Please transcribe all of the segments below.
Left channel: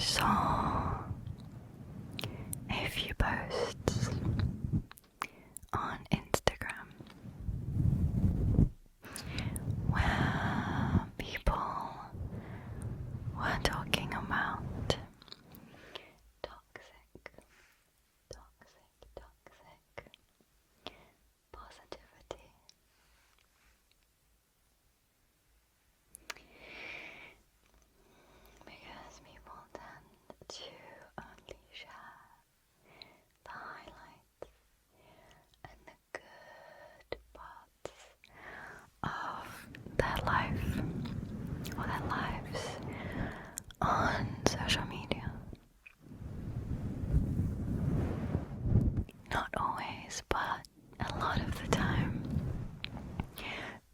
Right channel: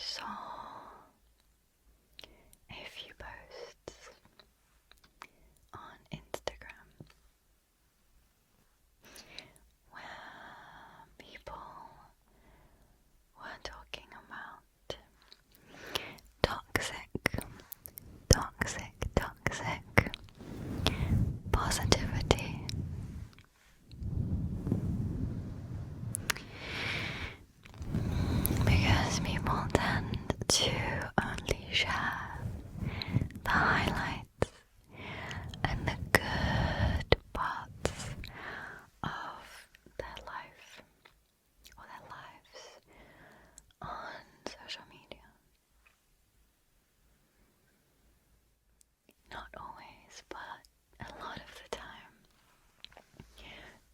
saw a few posts on Instagram where people were talking about toxic positivity. Because people tend to only share the highlights and the good parts of their life or their lives on social media. Not always, but a lot of the time.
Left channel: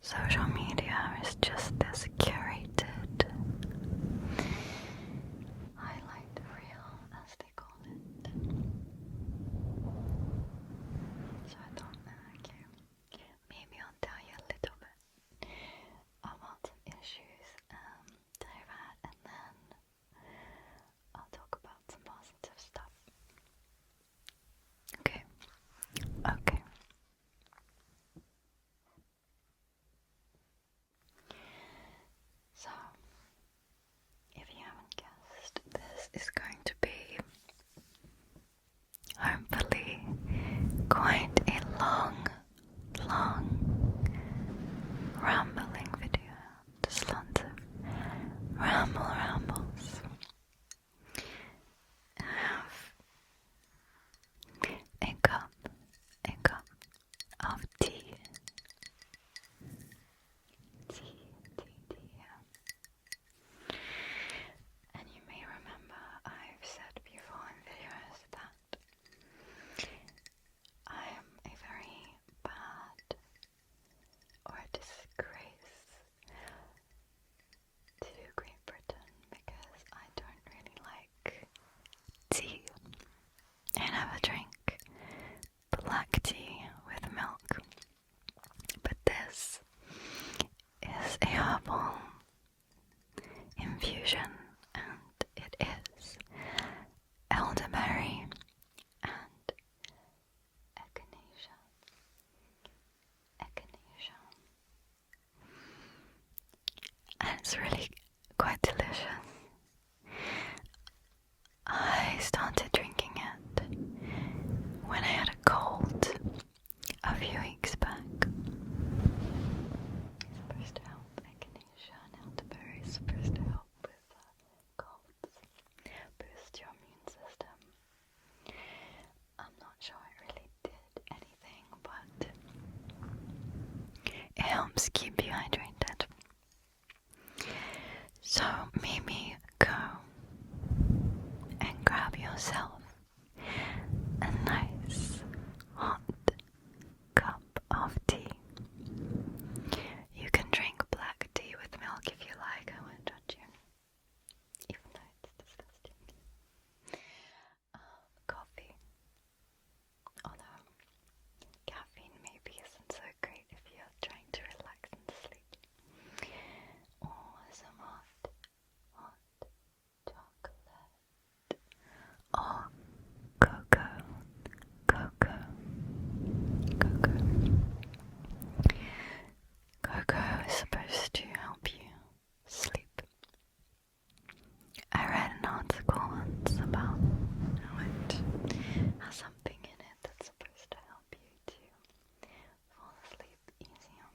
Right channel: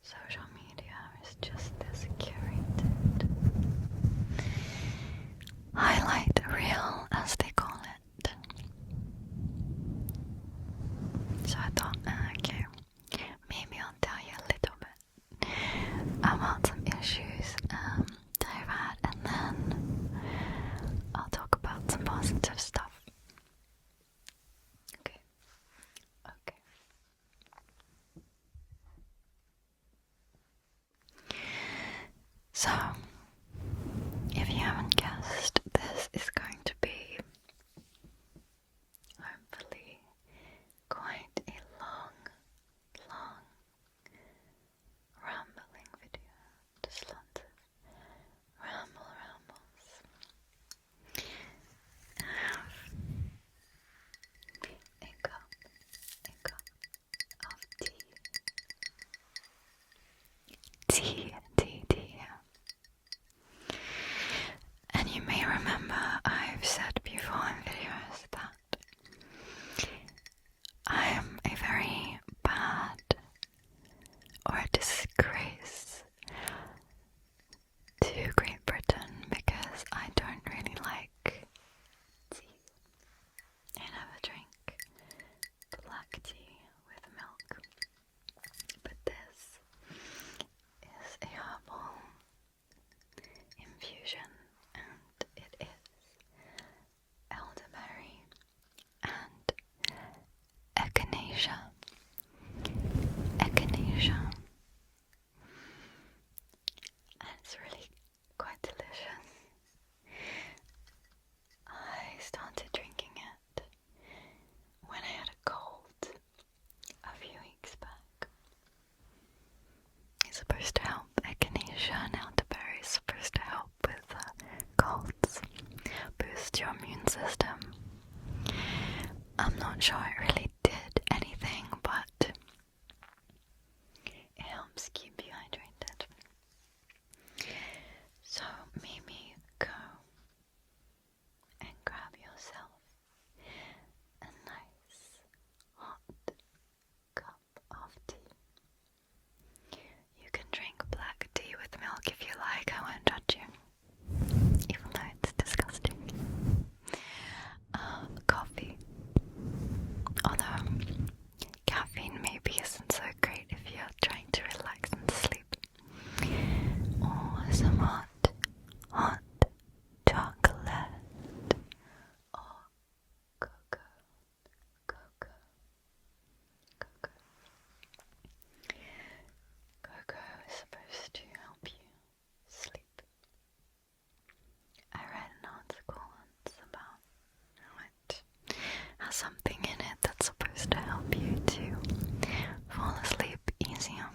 Social media is just this curated highlight reel, as they call it. So I thought, okay, maybe I'll tell you a little bit about some issues that I've had, and then I'll talk about some positive stuff. Okay. So, if you haven't guessed, this is going to be, hopefully, quite a long rambling video. Just lots of rambles. I have a cup of tea. And you may remember I've said before in videos that I am a very bad or a disgrace to Great Britain because I don't really like tea. I never drink black tea with milk. But this is a herbal infusion, and it is elderberry and echinacea. And it's really quite delicious. I started drinking it when I had a cold a few weeks back. It's supposed to help. Echinacea and elderberry is supposed to help with colds, boost your immune system. I'm not sure it really did anything, but it helps keep you hydrated. So maybe go and grab yourself a nice hot cup of tea. You can drink black tea with milk if you like, I won't judge you, even though it's disgusting. Coffee, although caffeine maybe isn't so great if you're trying to relax and sleep. Or some hot chocolate or cocoa. Cocoa is supposed to help you sleep. I read an article once about how it has something in it that's supposed to help you to fall asleep easier.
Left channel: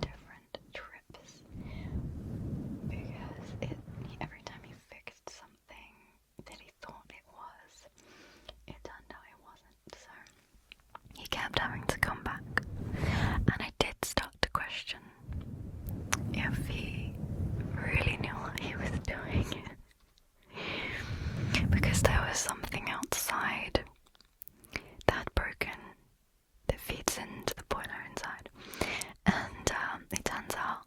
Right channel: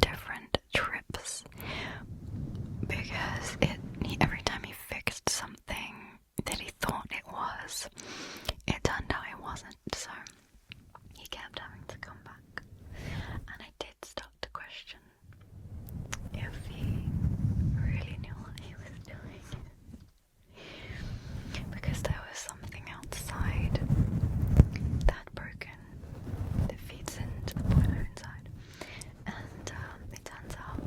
different trips because every time he fixed something that he thought it was, it turned out it wasn't, so he kept having to come back. And I did start to question if he really knew what he was doing. Because there was something outside that had broken that feeds into the boiler inside. And it turns out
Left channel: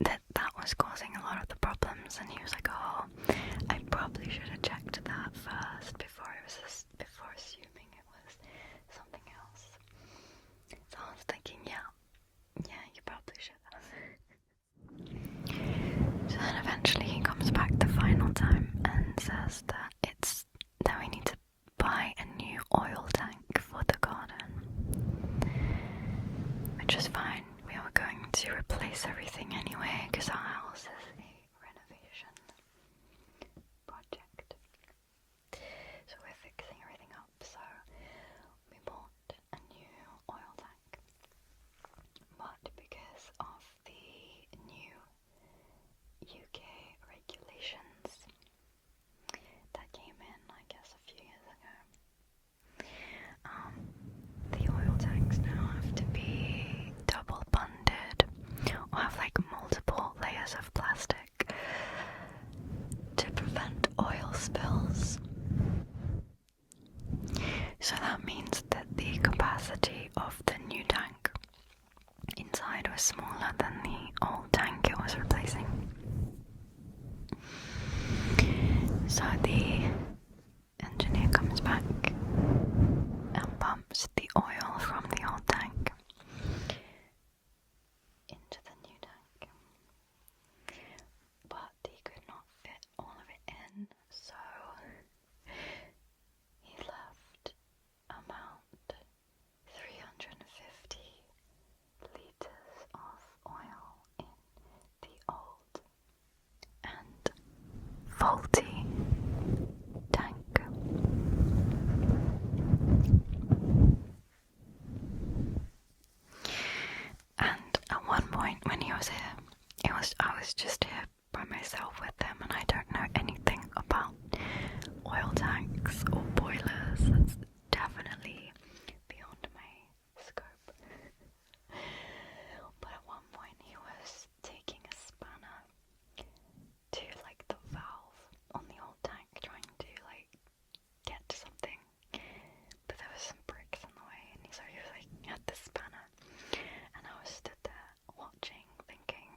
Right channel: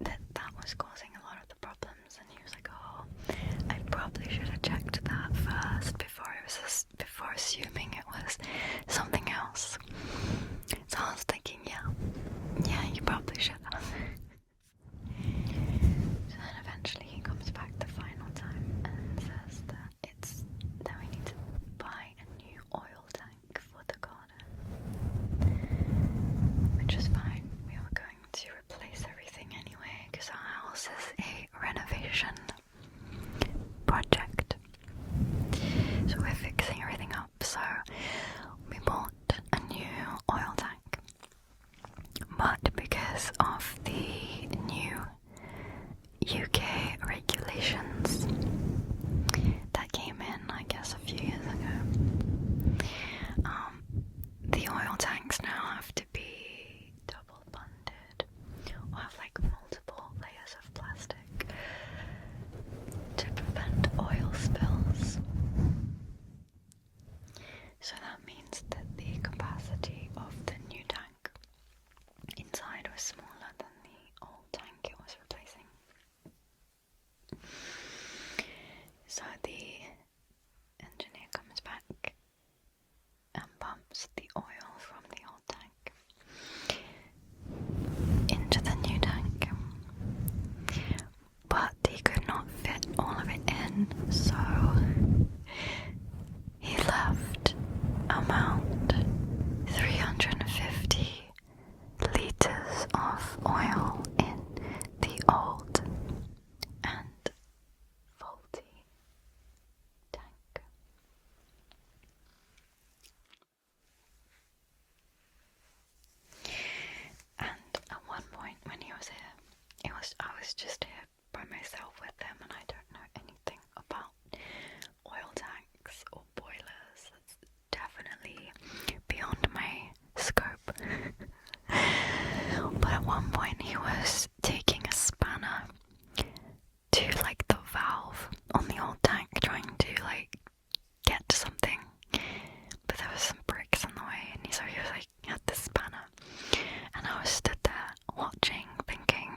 that was causing a lot of the problems, and he was like, oh, I probably should have checked that first before assuming it was something else. So I was thinking, yeah, you probably should have. So then eventually he comes back the final time and says that we need to buy a new oil tank for the garden, which is fine. We were going to replace everything anyway because our house is a renovation project, so we're fixing everything up. So we bought a new oil tank, but because of the new UK regulations that came in, I guess, a few years ago, the oil tanks now have to be double bunded or have like multiple layers of plastic to prevent oil spills. So that means that the capacity of the new tank inside was smaller than the old tank it was replacing. So the engineer comes back and pumps the oil from the old tank into the new tank, but he could not fit all of it in, so he left about 350 litres of oil in the old and faulty tank. And at one point when he was here, I was just here by myself with him, and I don't know anything about oil tanks or boilers. That's definitely beyond my scope. But at one point he was taking a spanner to like the valve on the old tank, trying to like get to something, but there was some bricks in the way, and so he was like had the spanner, and I was stood there watching, thinking,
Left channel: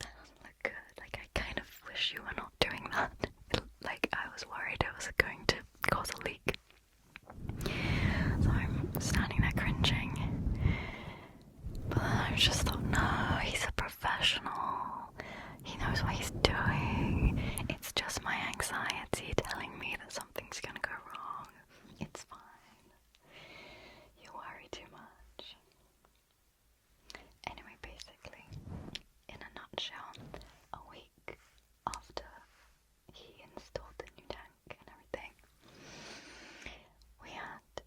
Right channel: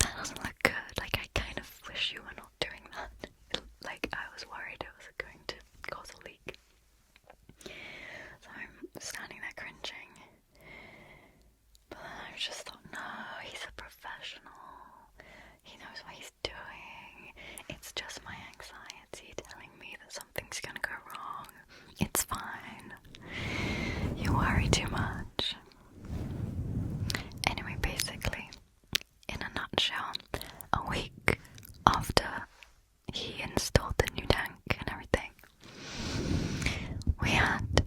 that doesn't look good. Like, I kind of wish you were not doing that. Like, I was worried it was going to cause a leak. So I'm standing there cringing, but then I just thought, no, he's a professional. He knows what he's doing. It's just my anxiety telling me that something's gonna go wrong. It's fine. You worry too much. Anyway, basically, in a nutshell, a week after he installed the new tank and everything, we had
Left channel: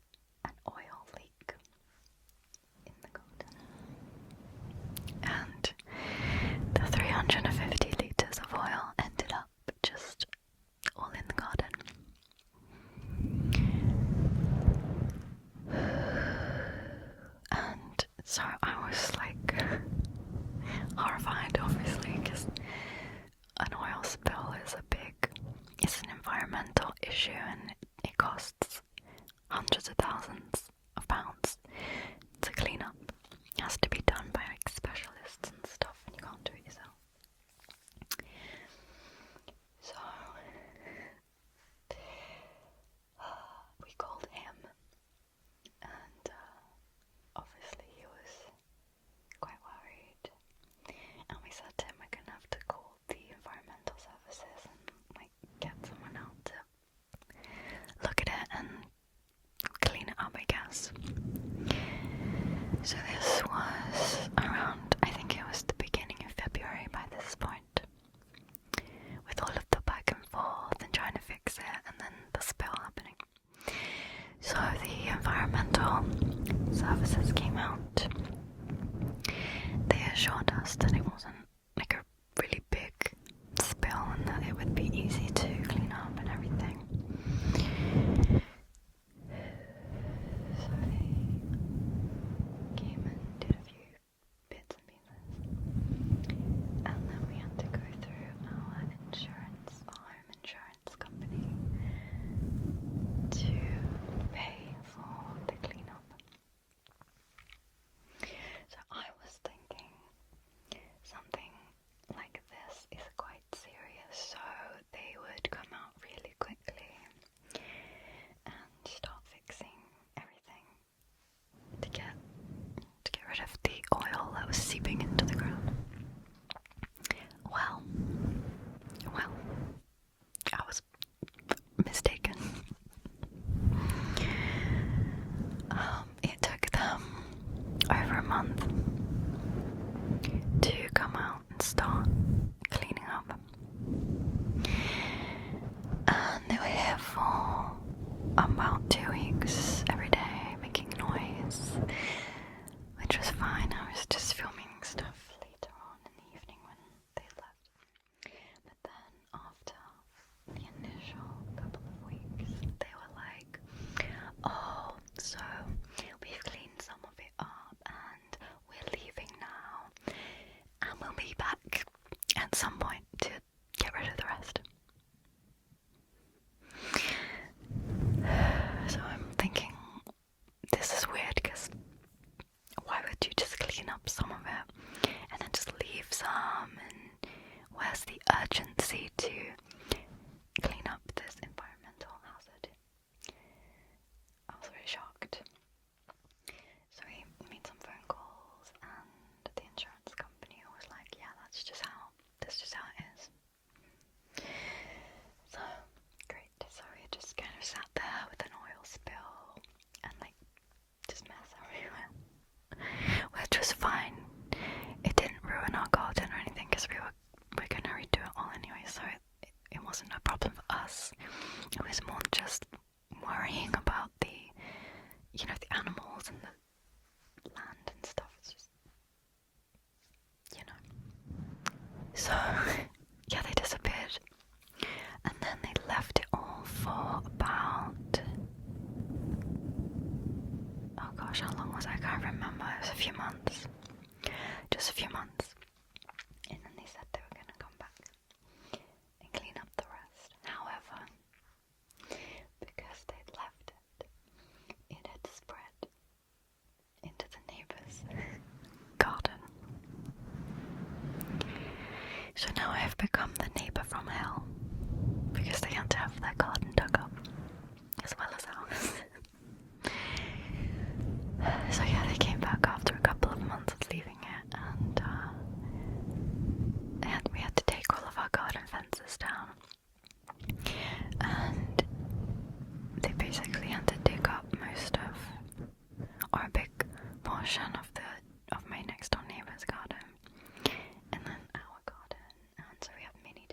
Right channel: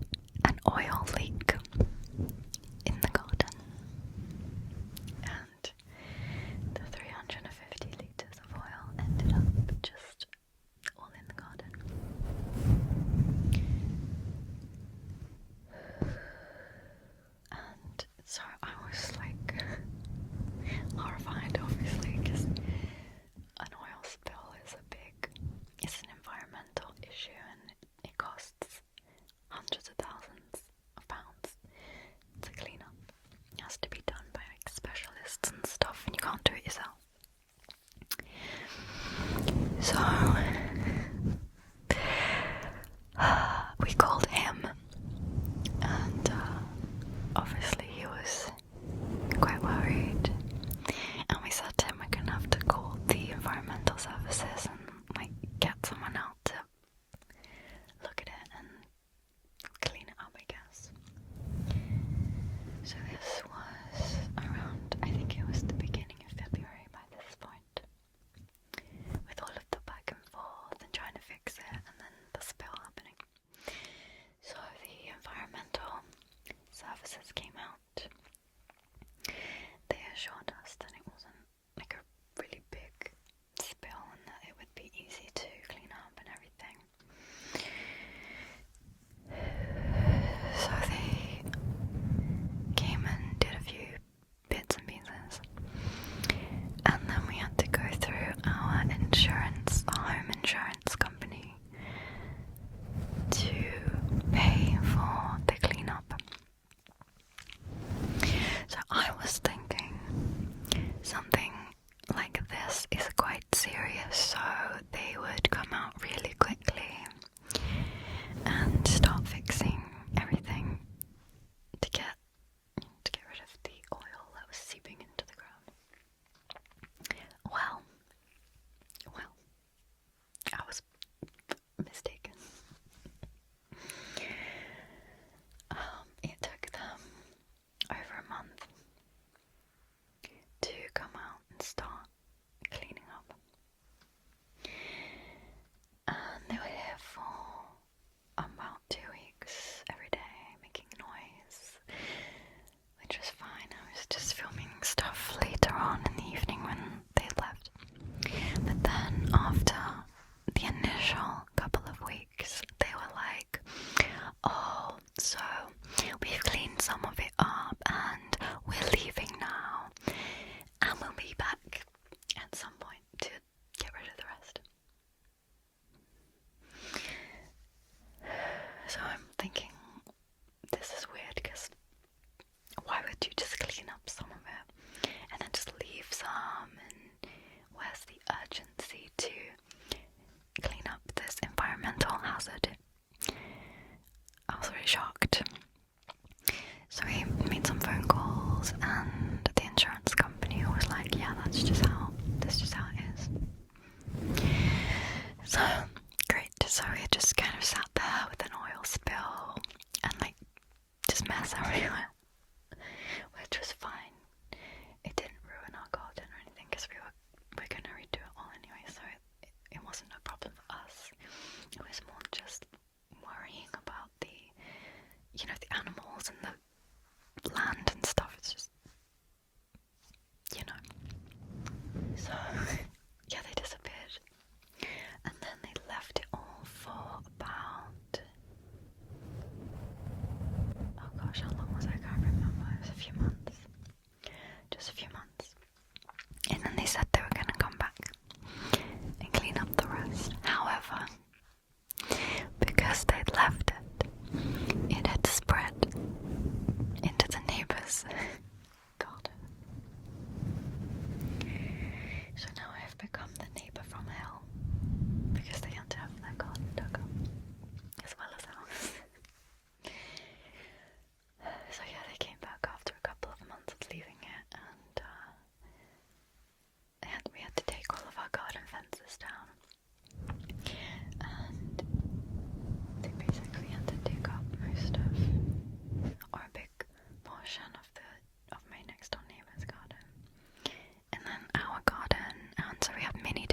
an oil leak in the garden, and the 350 litres of oil ended up just all in the garden. And so I was like horrified, obviously, because an oil spill is it's an environmental issue, and it costs hundreds of thousands of pounds to clean up. It has to be done by like specialists and stuff, and you can't do it yourself. So we called him, and obviously he was quite worried, and we said to him we're gonna have to call the environmental services and like get someone out to look at it and clean it up, I guess. So this was month to come out and start cleaning up. And they were here for about 2 weeks, every day, making noise, which was fine. I was just filming stuff later on in the evening when they left. But then after the initial couple of weeks, they were like, oh, so we've cleaned some of it up and we're leaving now, and we'll be back at some point to get rid of the rest. So I'm thinking, this is weird, because why would you just clean up some of it and then just leave some, and where's the urgency to clean up this environmental hazard? I was very shocked. So we made some phone calls, and the insurance company was like, yeah, that's just how it is. So great. So we just kind of sat there with an oil spill and like just mess everywhere, which was fine. It didn't ruin our garden or anything, because we're going to redo it all anyway, so it wasn't a problem for us. It was more just worrying about the animals and the land and stuff. It's just, So, yeah, they disappeared. And then they left it all for about, oh gosh, how long was it? I can't remember. It was a few months. Just a few months. And then they said they were going to come back and clean up the rest. However, because they'd left it had spread into the neighbour's garden. So now I have become the neighbour from hell, because they had to have their garden dug up as well as ours. So yeah, they came back after a couple of months of leaving it, and we had to take all of our garden fences down, and they basically had to dig up most of, or a big portion of my next door neighbour's garden, and then our garden, and so we have mini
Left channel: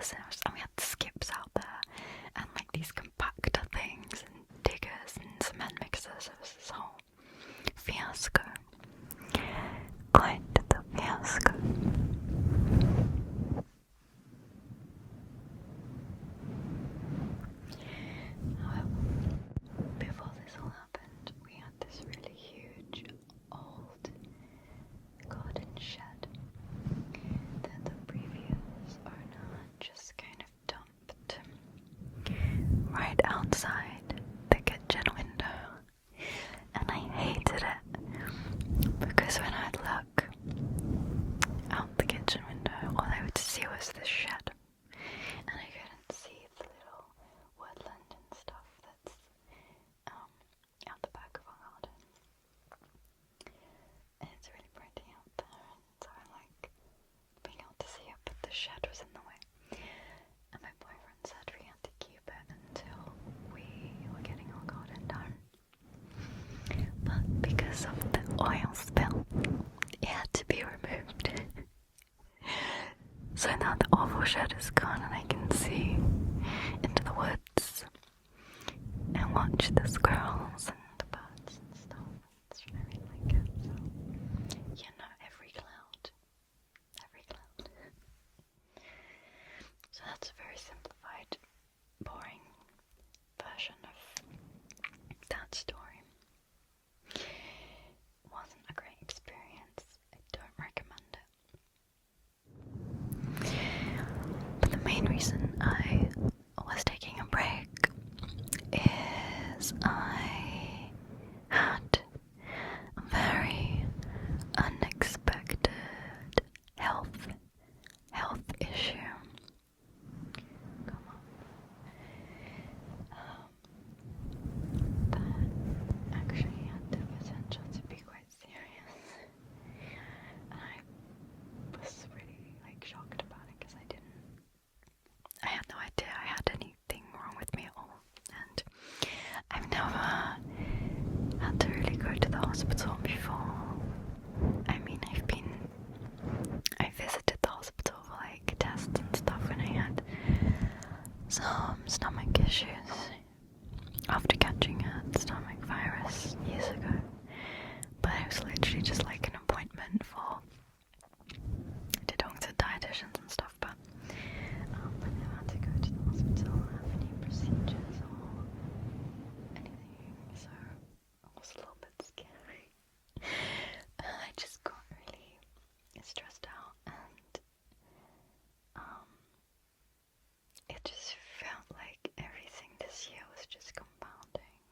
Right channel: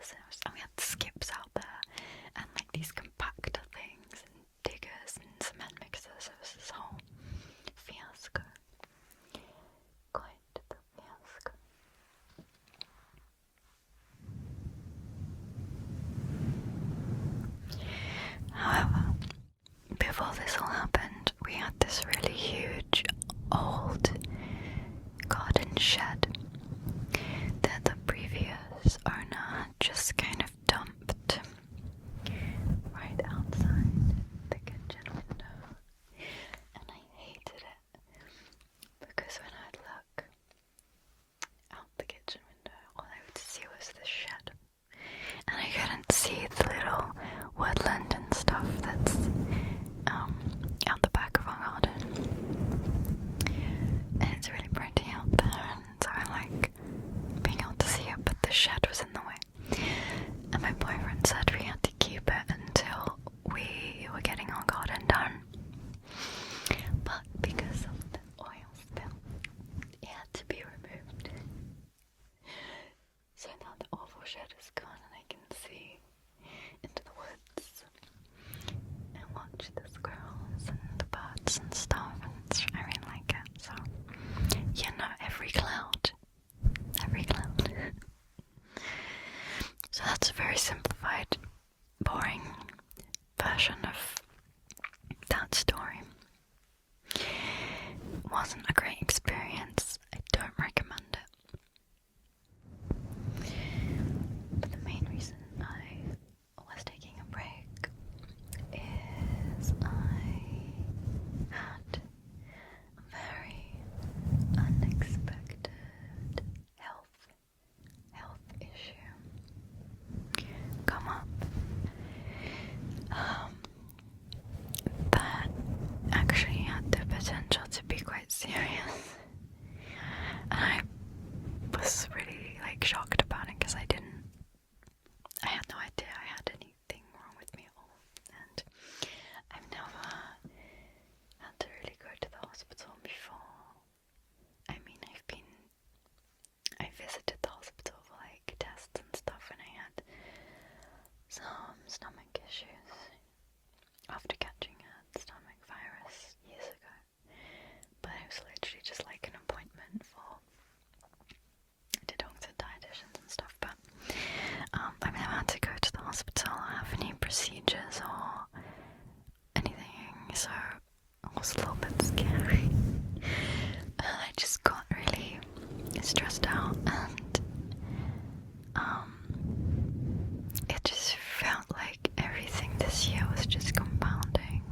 diggers, and we had skips out there, and like these compactor things, and diggers, and cement mixers. It was this whole fiasco. Quite the fiasco. However, before this all happened, we had this really huge old garden shed that the previous owner had just kind of dumped right outside the kitchen window, and I hated it because when I'd look out the kitchen window, all I would see was this shed, and I couldn't see the little woodland and stuff that's out the back of our garden, and it's really pretty out there, and so I like being able to see it, but the shed was in the way, and my boyfriend said we had to keep it until we were getting our garden done, but because of the oil spill, it had to be removed. So now the awful shed is gone, and I can see into the woods and watch the squirrels and the birds and stuff, and I really like it. So, you know, every cloud. So that's a very simplified, boring version of that story. It wasn't a great experience. I don't recommend it. But the main reason I was taking a break is I had a very unexpected health issue come up that actually had the potential to be quite serious, and I was really like shocked about it because I had no idea I had anything wrong with me at all, and I've never had to really go to the hospital before. I mean, I visited the hospital for like tests and stuff when I had some stomach issues after catching a stomach virus years ago, but it was literally just like an appointment to doctor, dietitians and stuff, but I've never had to go to the hospital or have any procedures or anything, so it was a little bit scary. I just got really stressed out, and it just felt like everything this year was just compounding,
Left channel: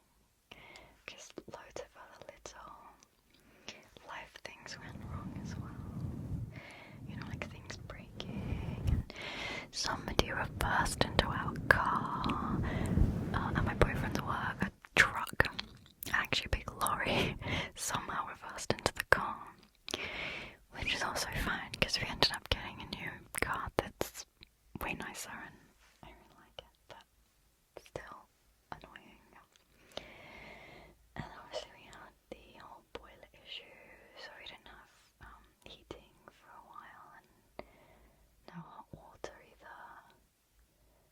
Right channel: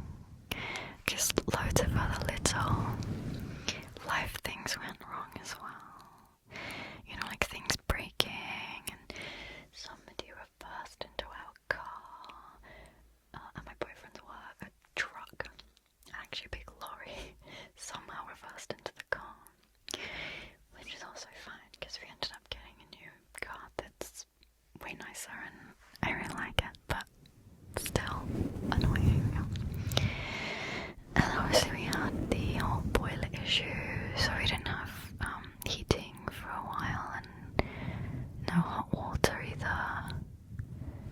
because loads of other little life things went wrong as well. You know, like things breaking, and somebody reversed into our car, and my boyfriend's work, a truck, actually a big lorry, somehow reversed into the car, which is also fine because we ended up getting a new car that's way nicer and I really like it, but still annoying. And obviously we had the whole boiler issue, so we didn't have heating for a while, and no hot water either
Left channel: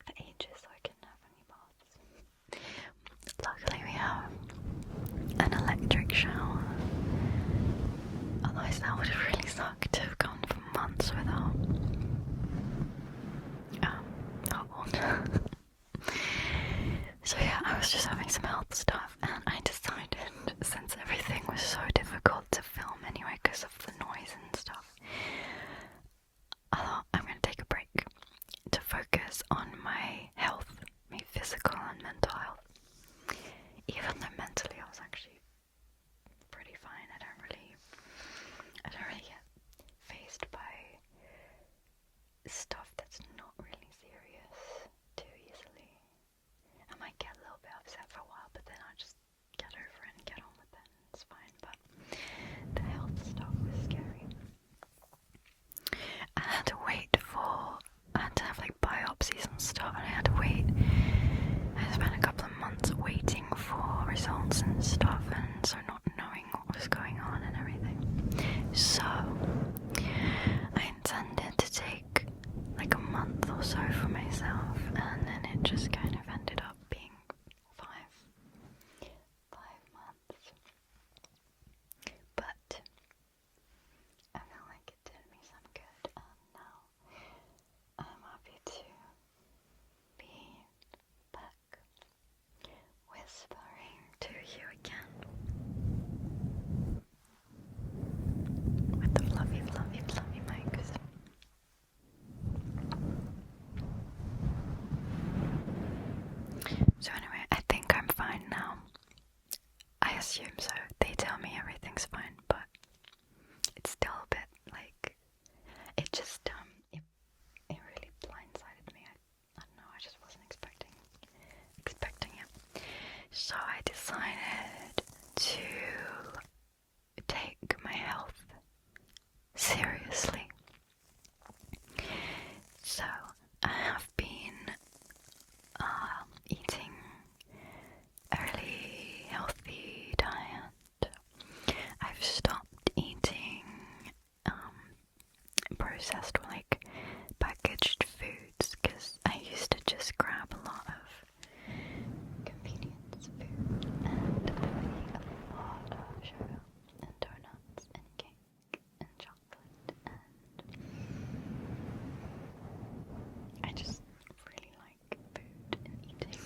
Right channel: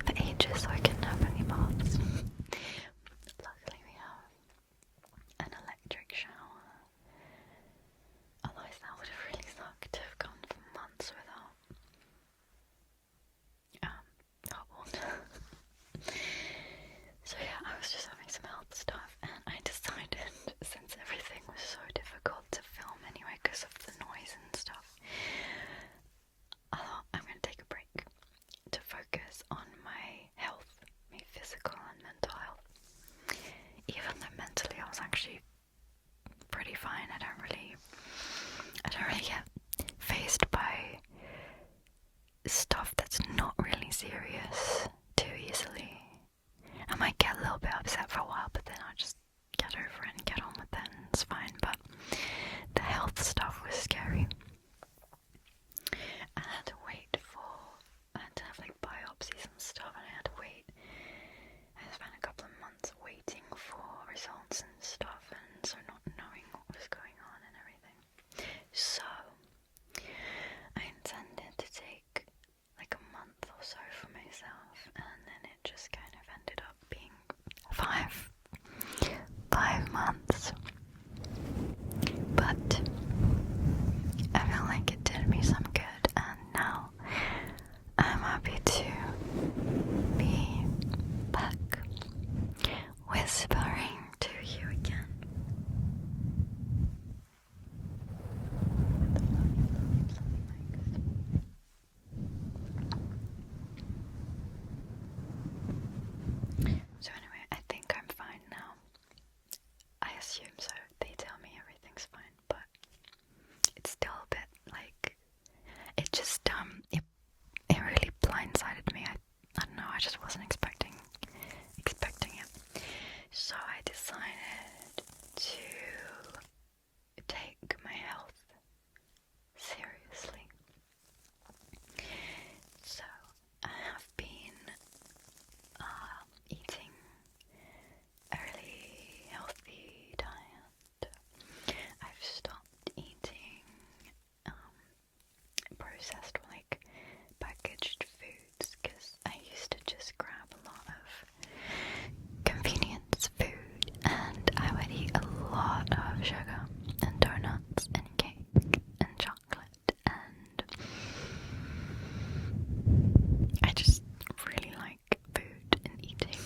for ages, so I couldn't have any baths. Luckily we have an electric shower, otherwise that would have really sucked to have gone for months without hot water. So yeah, I was just having some health stuff, and I decided, since everything was so difficult to film anyway because of the noise and stuff, I thought I'm going to take a break to focus on my health, my physical and mental health. Even though mentally I was actually pretty fine. I don't really get fazed by stuff that's not really serious too easily. I might get a little bit upset for a while, but then I'll just get over it and get on with it, and it's fine. But the health stuff was scary. I had to have like biopsies and stuff, and I had to wait. I spent a couple of months waiting for results and stuff, and so not knowing what was going on and everything. So I intended to take like a month or so for myself, and then it just kind of ended up being 5 months. But I feel like it did me some good, and now I'm happy to be back whispering to you again with the fluffy, fluffy, fluffy mics. So anyway, I think I'm fine now. I assume so. They tell me everything's fine, but it's still a bit like, it just it really blindsided me. I don't know, I just wasn't expecting it. So I decided to take my health seriously. So I have been eating a really healthy diet. I've stopped eating processed, like packaged foods, because I used to just grab a lot of convenience food, and I would eat a lot of sugar and donuts and cake and chocolate, and I just really like food and eating,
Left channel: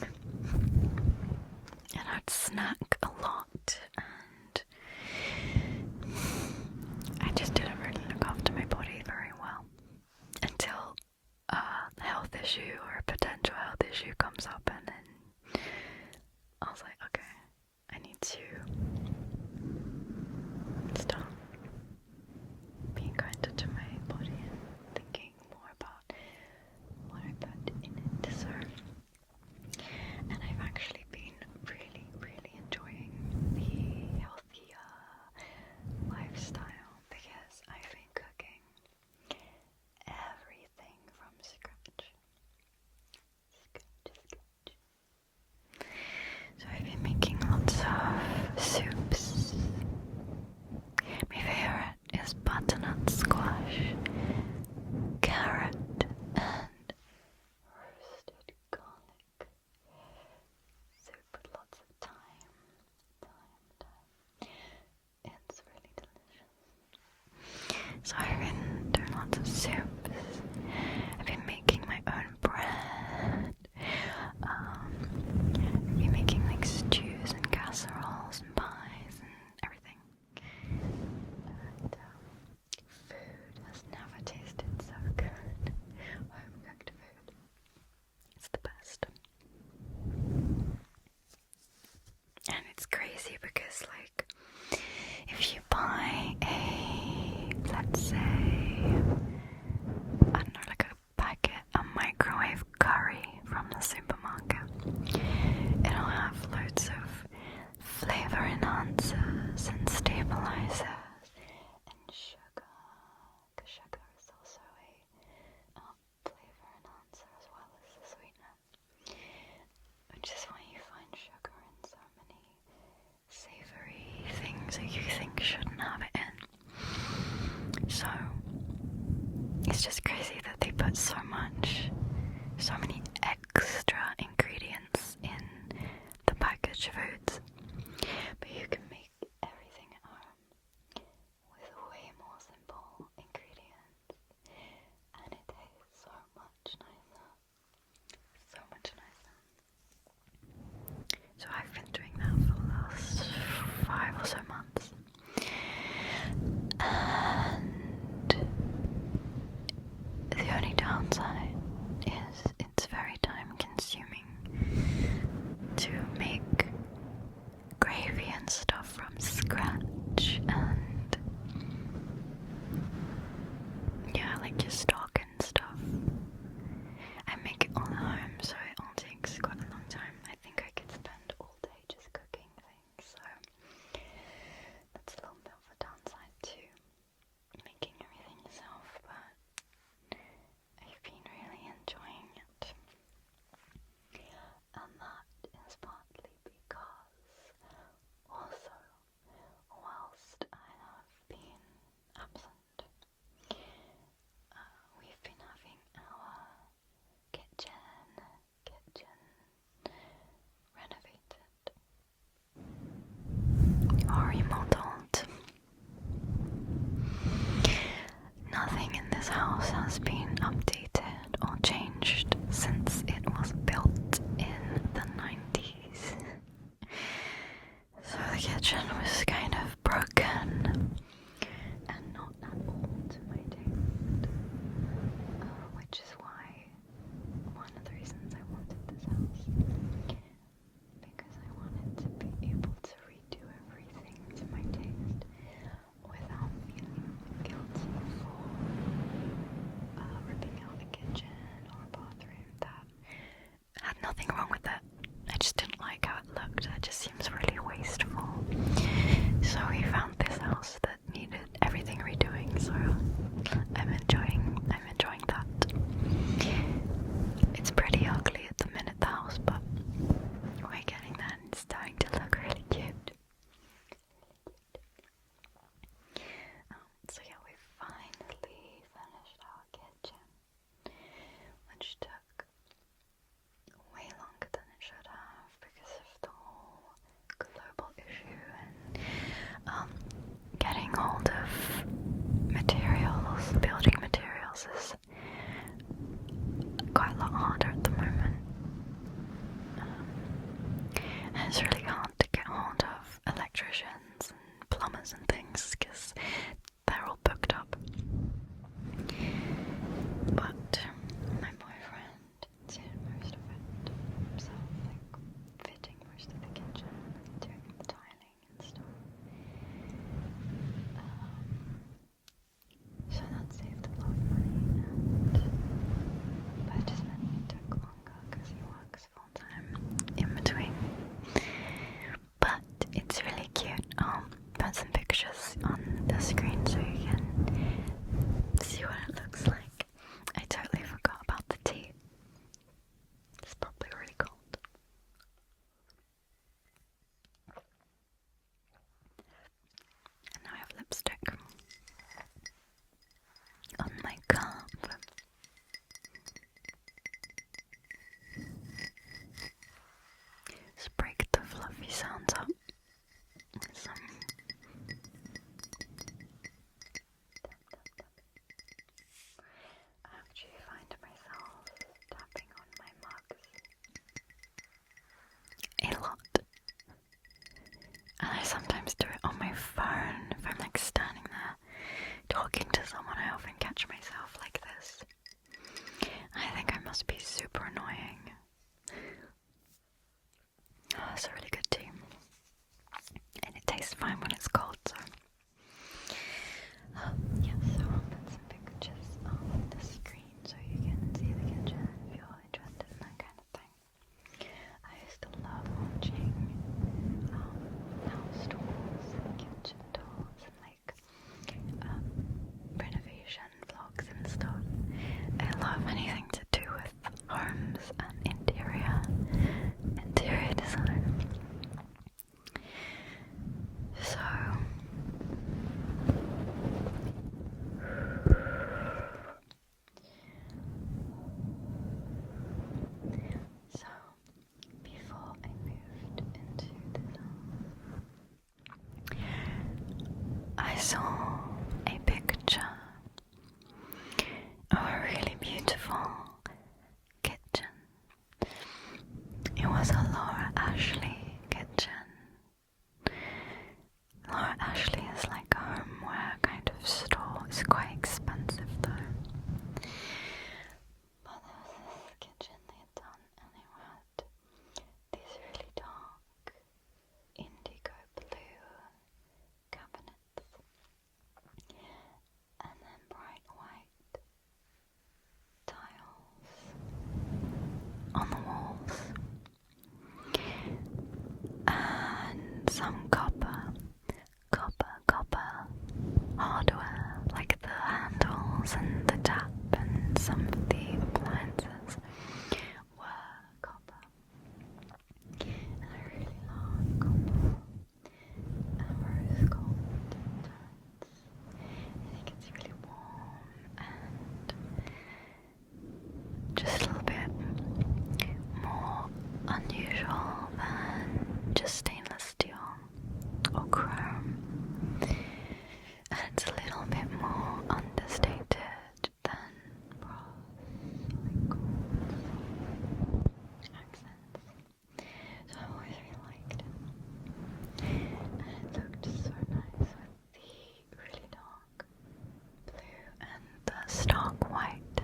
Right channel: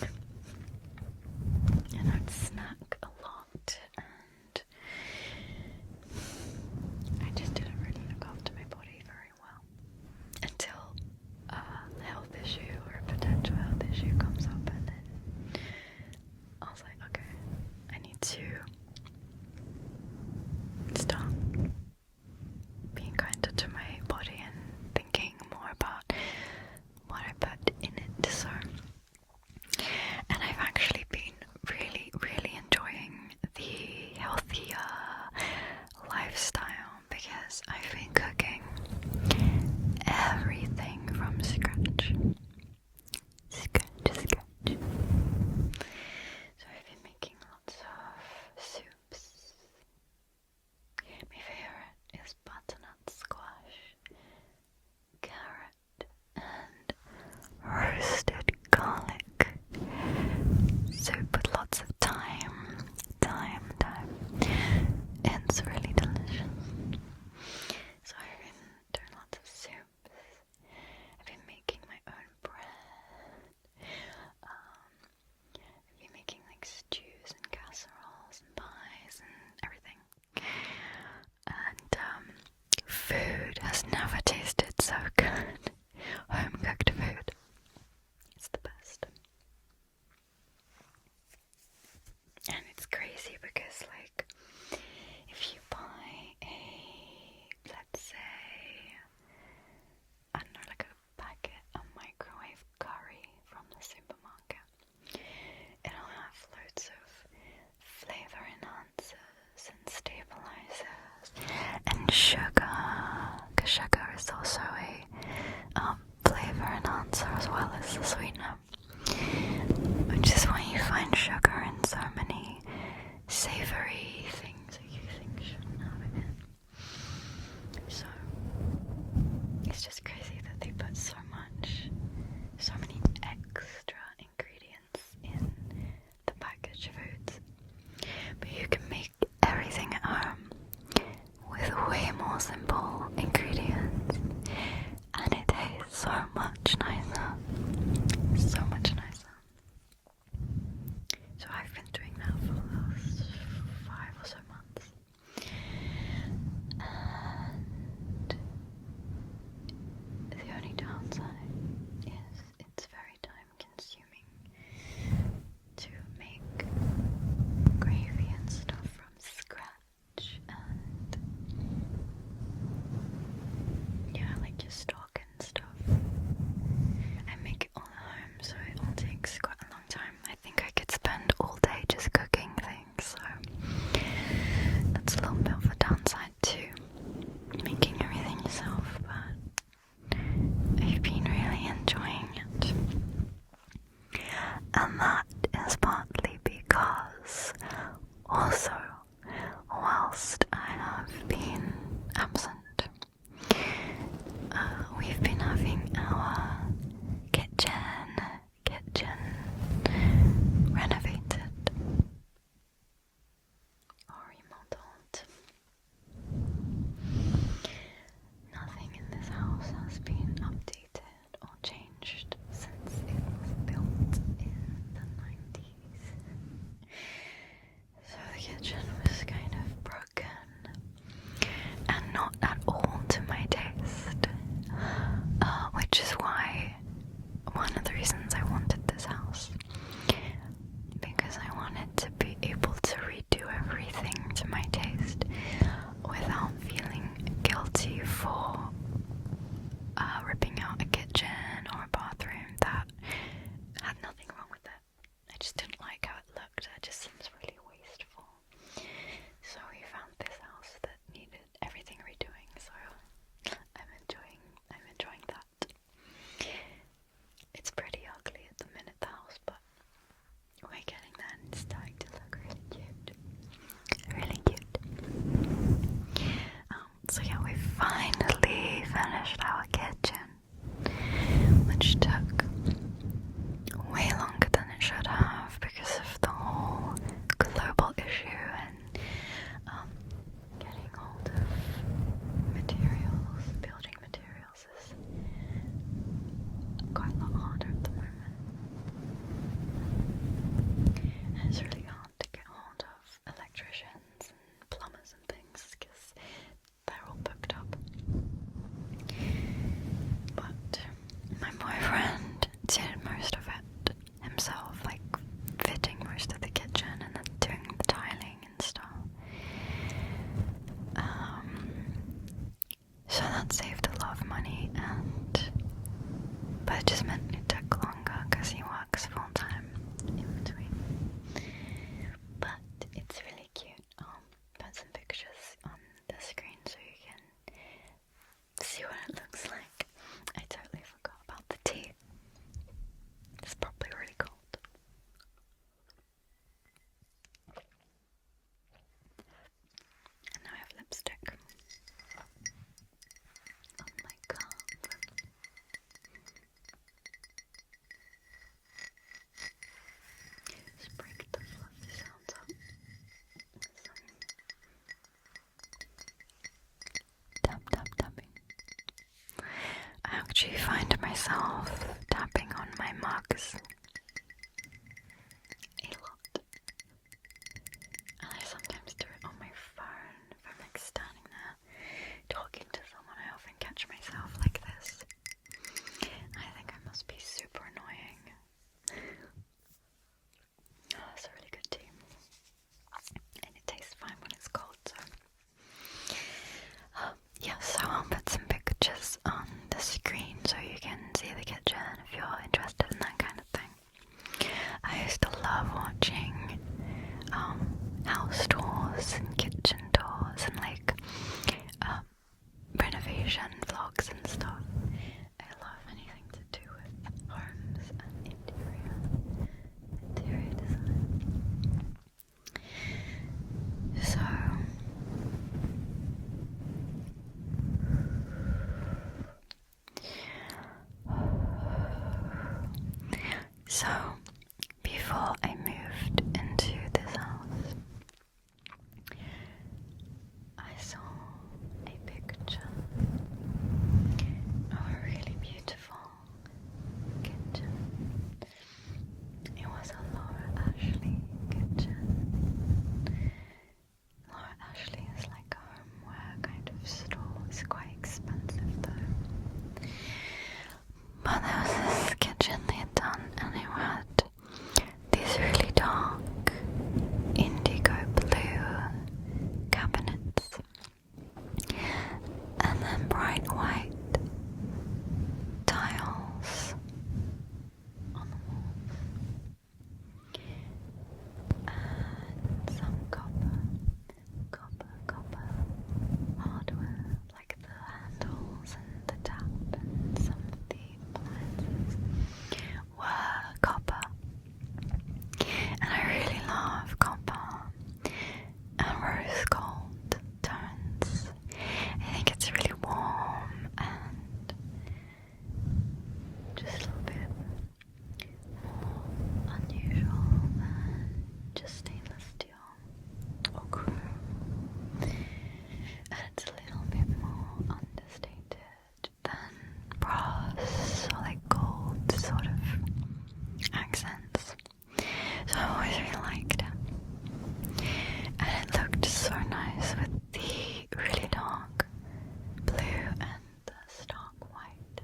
and I'd snack a lot, and I just didn't really look after my body very well until a health issue or a potential health issue comes up, and then I was like, okay, I need to start being kinder to my body and thinking more about what I put in it. So, and I've actually been really, really enjoying the healthier lifestyle, because I've been cooking everything from scratch. just meant it took longer because he works full time in between. But it's really cute. I'll put some pictures on the screen so you can see what it looks like. I totally forgot about the tea. It's probably really cold. And now I have lipstick on my cup. Let's break the fluffy sounds up with some tap tap tapping. I actually find myself tapping on my mugs a lot. And I sometimes do it on my phone if I'm like standing there talking to someone. I often catch myself like this. I think I must be super annoying. Oh, it's a really good tea. And it tastes fine when it's cold, so. Yeah, so I'll put some pictures on the screen so you can see the kitchen if you're interested in that kind of thing. I used to love watching house tours and kitchen tours and like renovation vlogs and stuff. I love anything to do with homes and interior design. So before I moved into this house, I saw a picture of a really beautiful kitchen. It was a Laura Ashley kitchen. Laura Ashley is like a homeware kind of store. It's quite expensive though. But there was this kitchen they had done, and it had these really dark indigo blue cabinets and then bright white tiles on the walls and some copper hardware, like the handles and the tap and some of the appliances were copper. And I really love copper and rose gold tones. I think it's really warm and just a little bit more unusual than just stainless steel or chrome. And it's a little bit more understated than brass or like gold sort of accents. So I always really liked it. And it looked so nice with the really dark blue and the stark white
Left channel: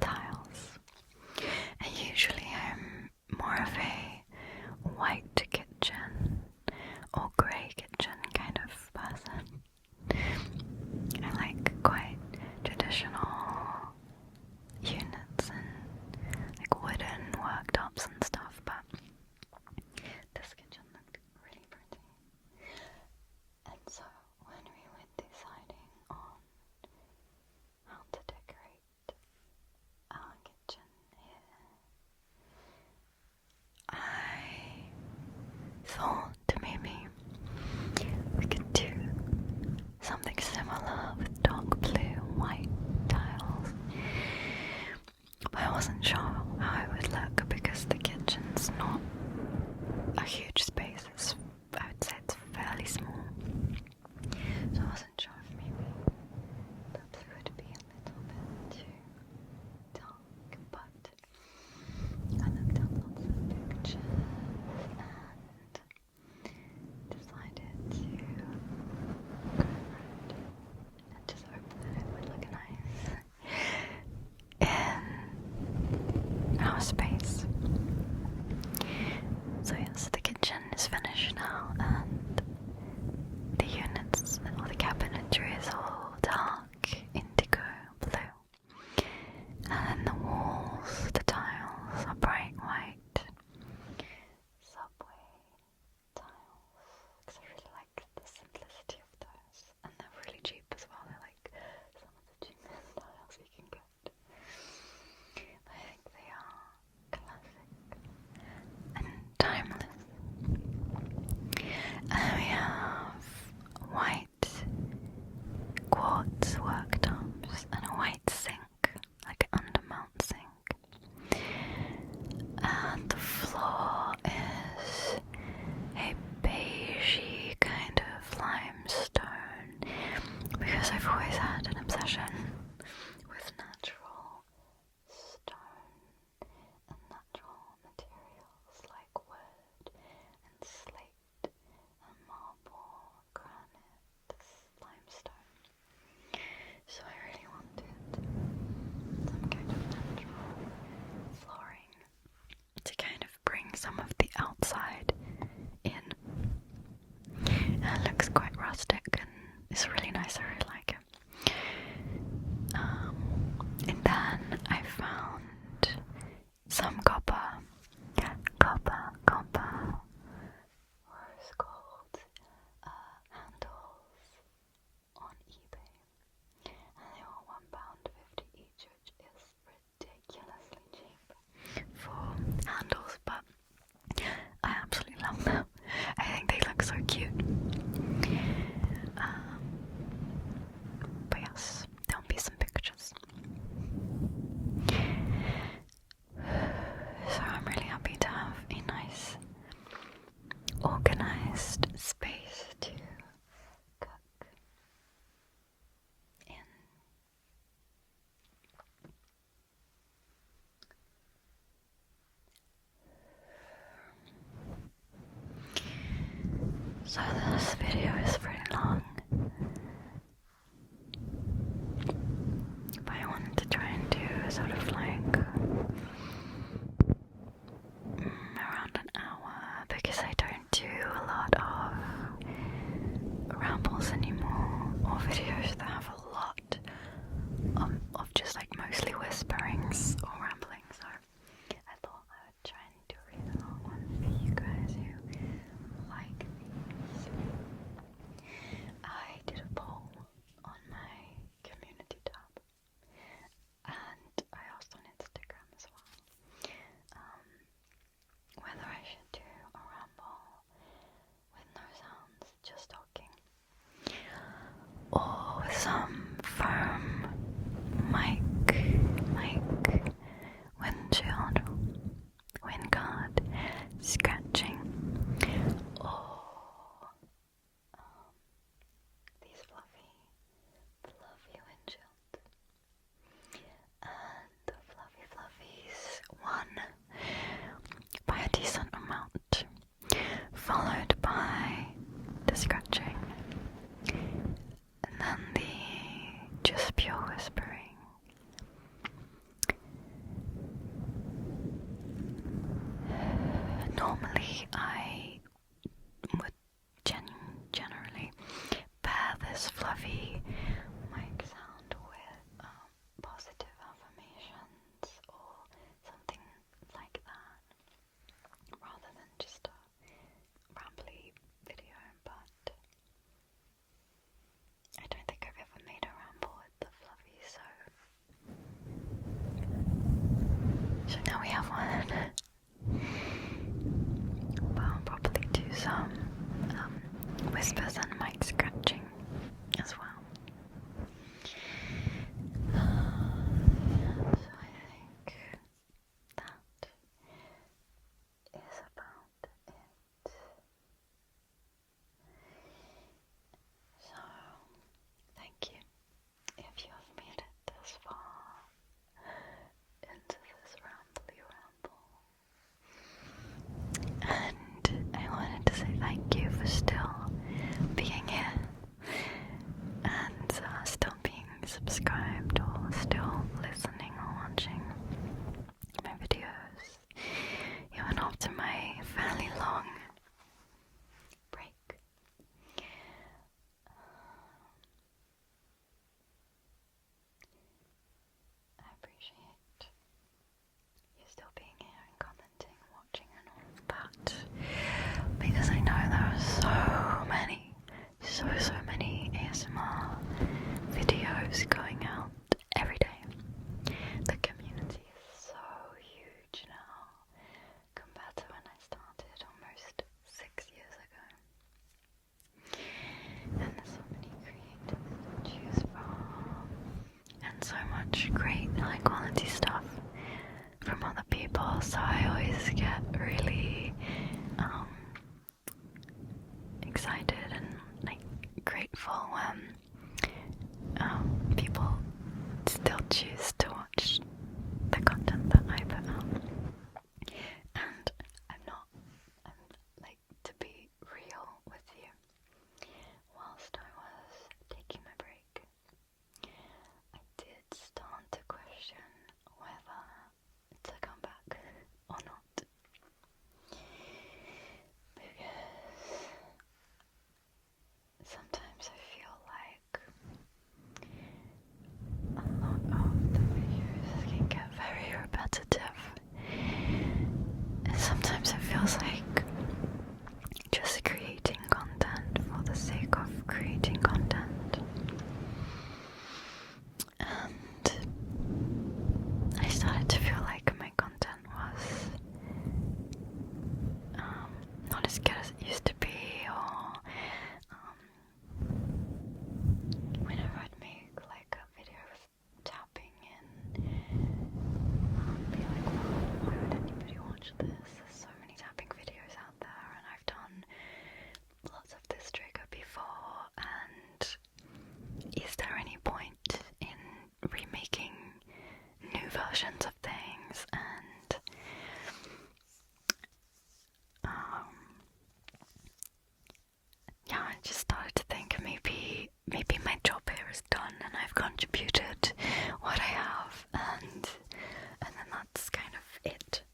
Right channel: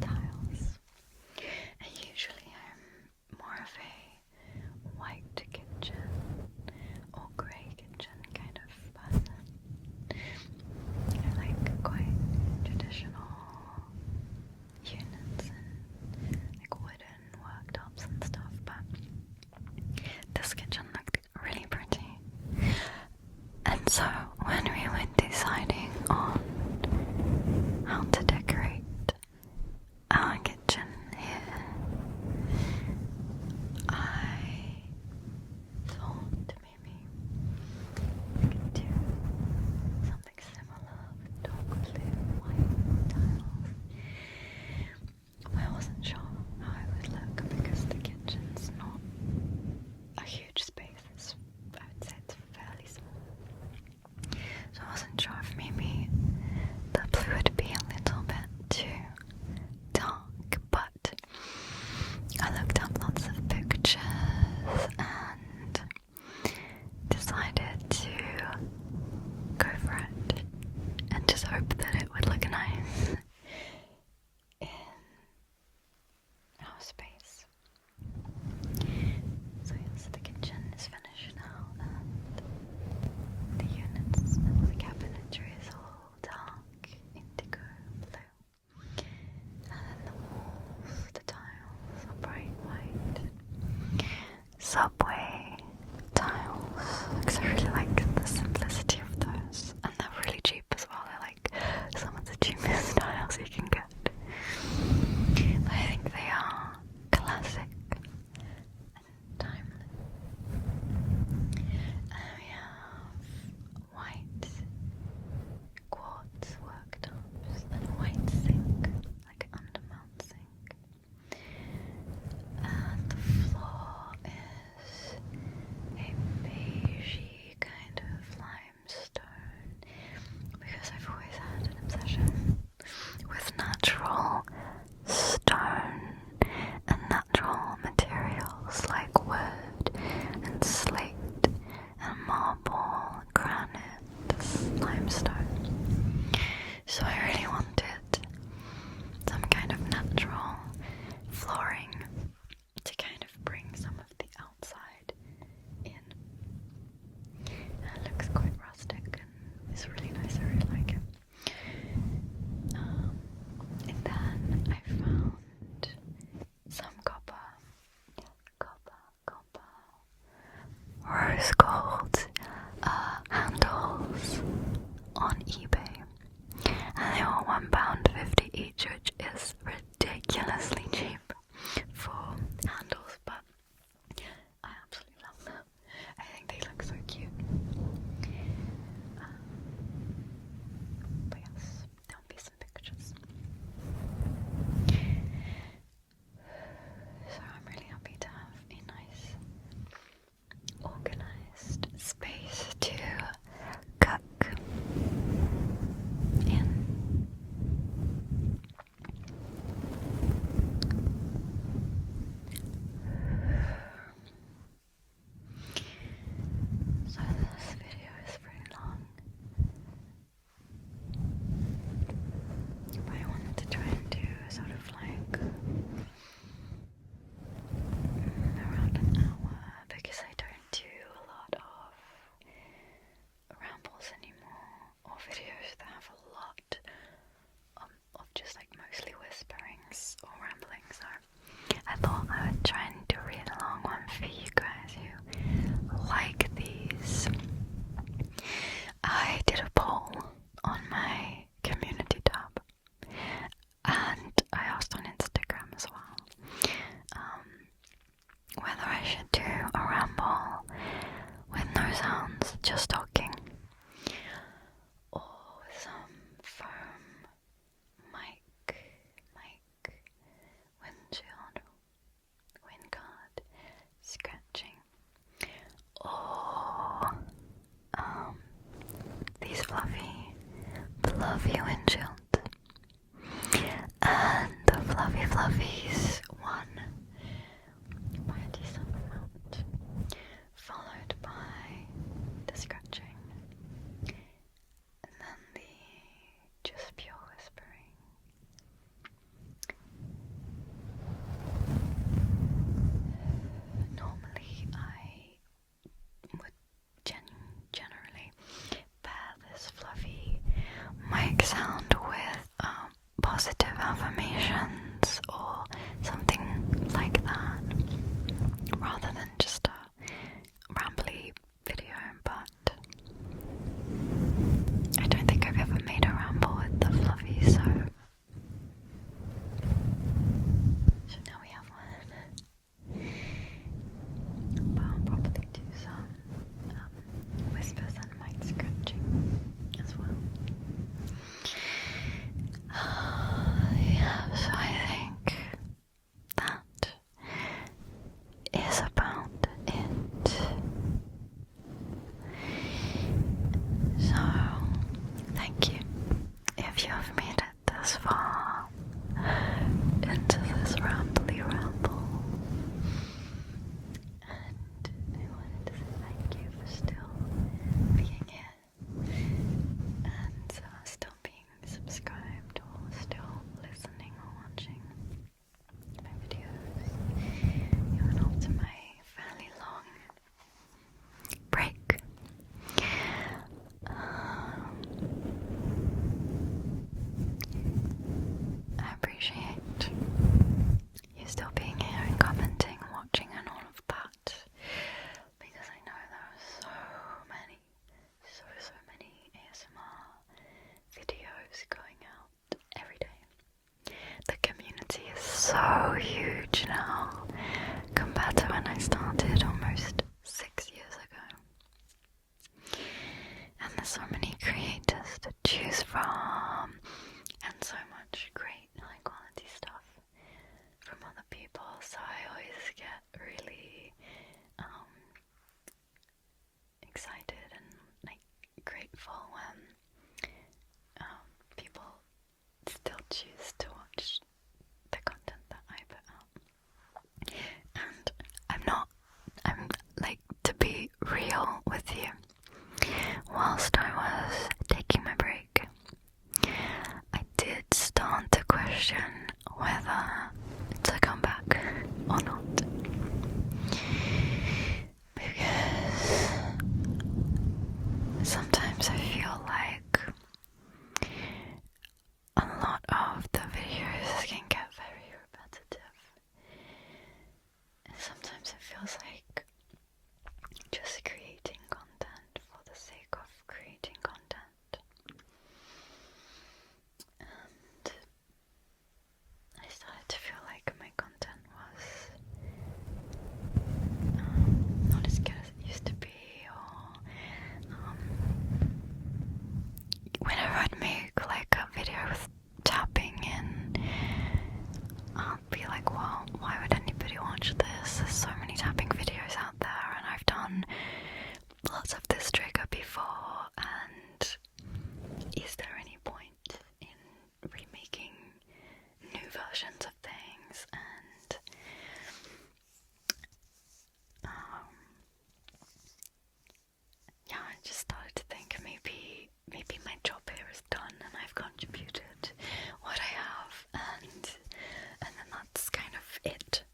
tiles. And usually I'm more of a white kitchen or grey kitchen kind of person. I like quite traditional units and like wooden worktops and stuff, but this kitchen looked really pretty. And so when we were deciding on how to decorate our kitchen here, I thought maybe we could do something similar with dark blue, white tiles. But I wasn't sure how it would look because the kitchen's not a huge space. I would say it's fairly small. So I wasn't sure if maybe the blue would be a little bit too dark, but I looked up lots of pictures and decided to go for it and just hope that it would look nice in our space. So yes, the kitchen is finished now and the units or the cabinetry is all dark indigo blue, and then the walls subway tiles, because I really like the simplicity of those, and they're really cheap as well. They're like some of the cheapest tiles you can get. But I think they are classic and timeless. And we have white quartz worktops and a white sink, like an undermount sink. And the floor is huge now compared to when I started almost 6 years ago. And there's so many creators to choose from, and so much great high quality stuff from other people, so I always get really excited and like grateful when people still choose to watch the content that I put out. And I'm like, to be real with you, whilst I was taking my break, I did start to question whether to come back or not, because sometimes I feel like a lot of the videos can get very repetitive, and sometimes it feels like just creating content for the sake of creating content. And I started to feel like my content was not as good as it used to be, or whenever I'd make like a video with tapping in, I'd be like, well, why would anybody watch this? There's so many tapping videos out there, and I've done lots of this trigger before, and is there any point in remaking new versions of things? And yeah, I just started to think maybe my job here is done and I've contributed what I have, and then that's kind of it.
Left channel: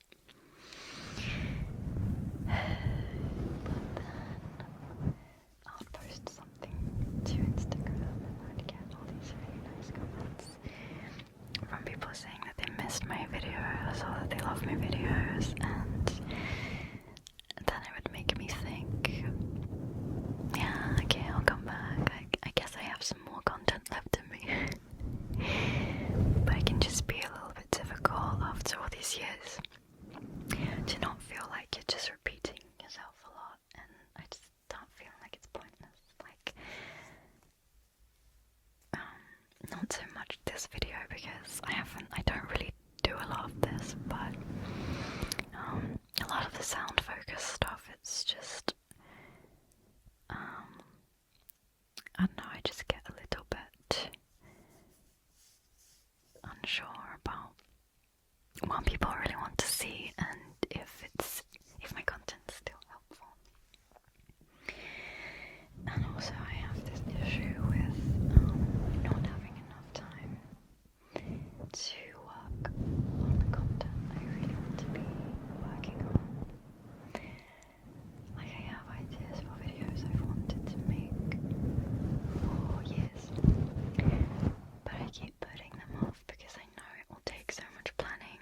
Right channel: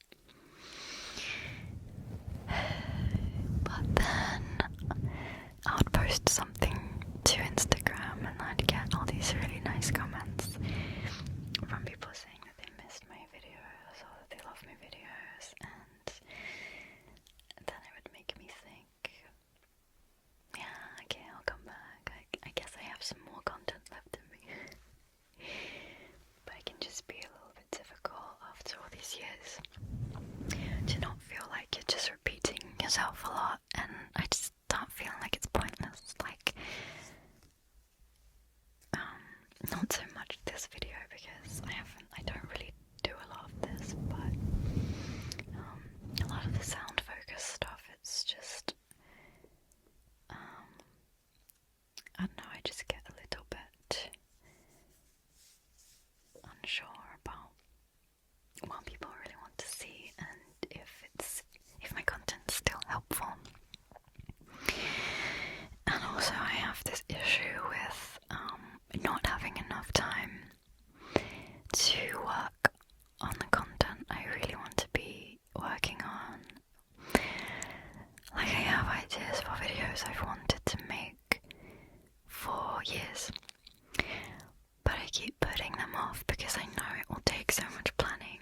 But then I would post something to Instagram and I'd get all these really nice comments from people saying that they missed my videos or that they love my videos, and then it would make me think, yeah, okay, I'll come back. I guess I have some more content left in me. But it can just be a little bit difficult after all these years to not feel like you're just repeating yourself a lot, and I just start feeling like it's pointless. Like, not so much this video because I don't really do a lot of this, but a lot of the sound focus stuff, it's just I don't know, I just get a little bit unsure about what people really want to see and if my content's still helpful. And also I have this issue with not having enough time to work on the content I really want to be working on. Like, I have ideas for videos I've wanted to make for years, but I keep putting them off because I know it will take so much planning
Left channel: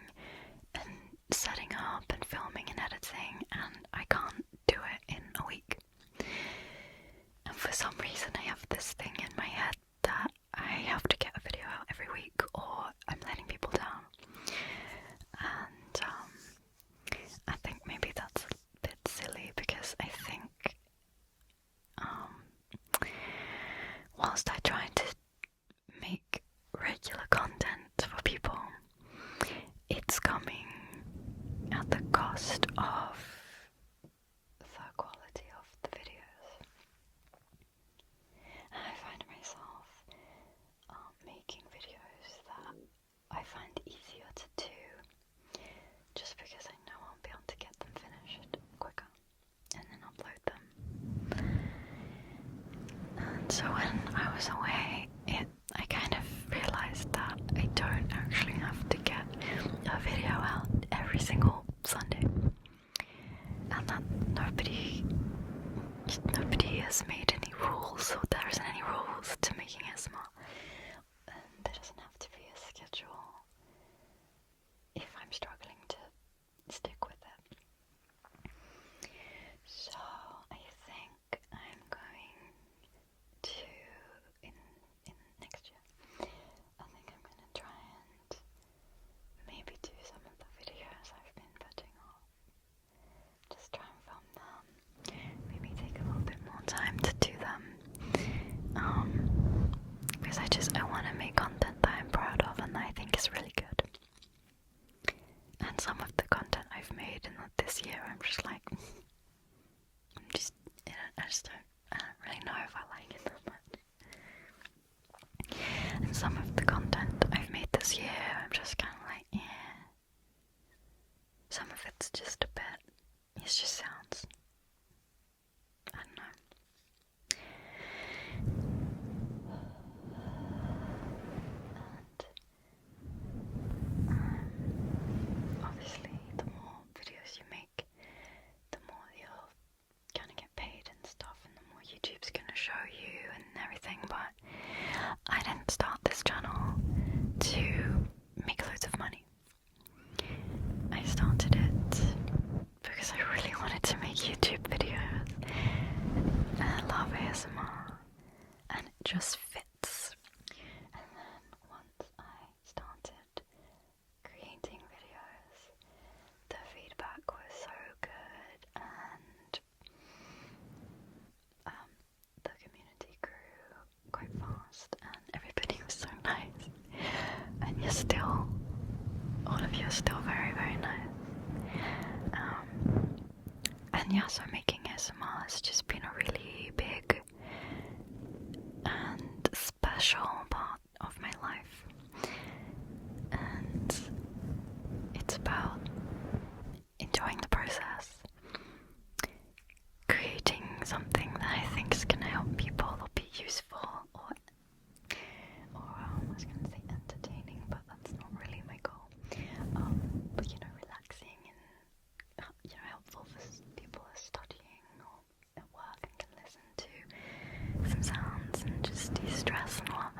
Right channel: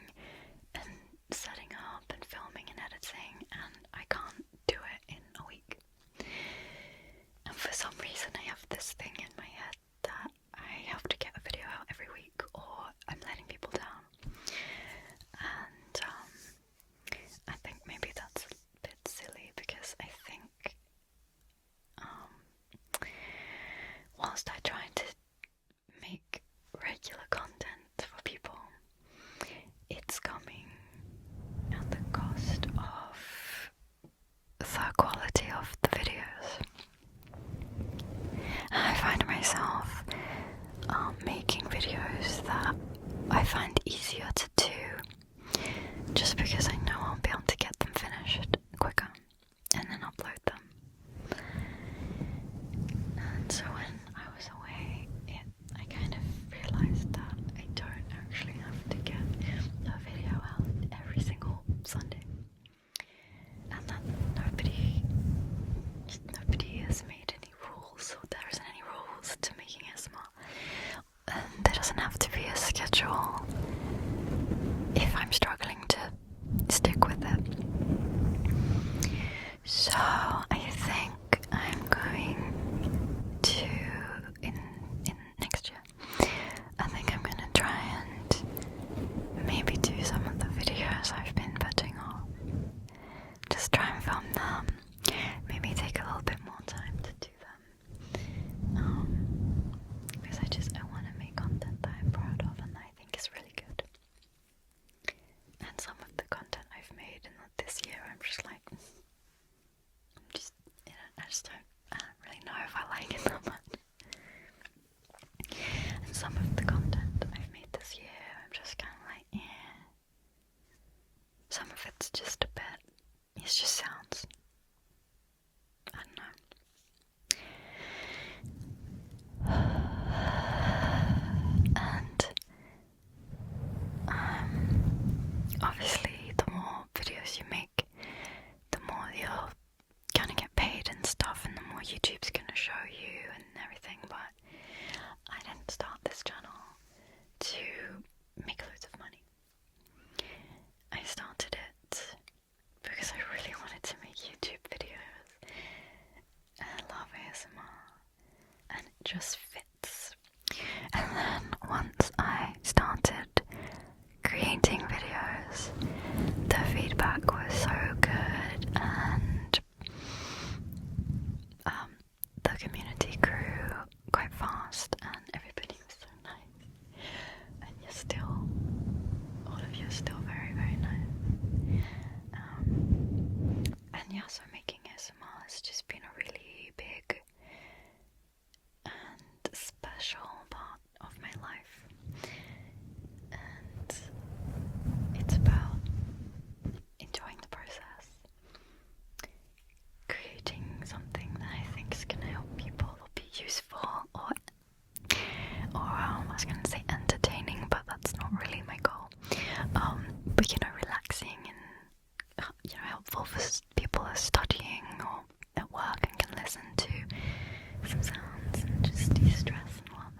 and setting up and filming and editing, and I can't do it in a week. And for some reason I have this thing in my head that I have to get a video out every week or I'm letting people down. And I think maybe that's a bit silly, because I think whilst I try to make regular content for people, it's coming at the cost of the quality of the videos. I maybe take a little bit more time to do them. Because I want to make content that I'm proud of and that I think is really good. And some of the content I've made in this year, I'm just like, I don't really know if I like it that much. And some of the content I've made this year, I'm just kind of like, yeah. Some of it's just a bit, it's just sounds. I don't know. And obviously the more videos you make, the more you're gonna get paid and stuff, and the more YouTube's gonna show you and everything. But I didn't start this channel to make loads of money. I started it because I really wanted to make YouTube videos. And I love ASMR, and it just fits. And then once I started creating videos, the feedback was so good, and the community grew quite fast, and everybody was so nice. And all of you are still very, very nice. And yeah, so making ASMR has just been a really big and special part of my life. And it's about enjoying the process, creating something that I think is going to help people or be useful, or I was going to say entertaining, but that's not really my goal. But relaxing and helpful for people who are studying or at work and can listen to some sounds and just de-stress and all of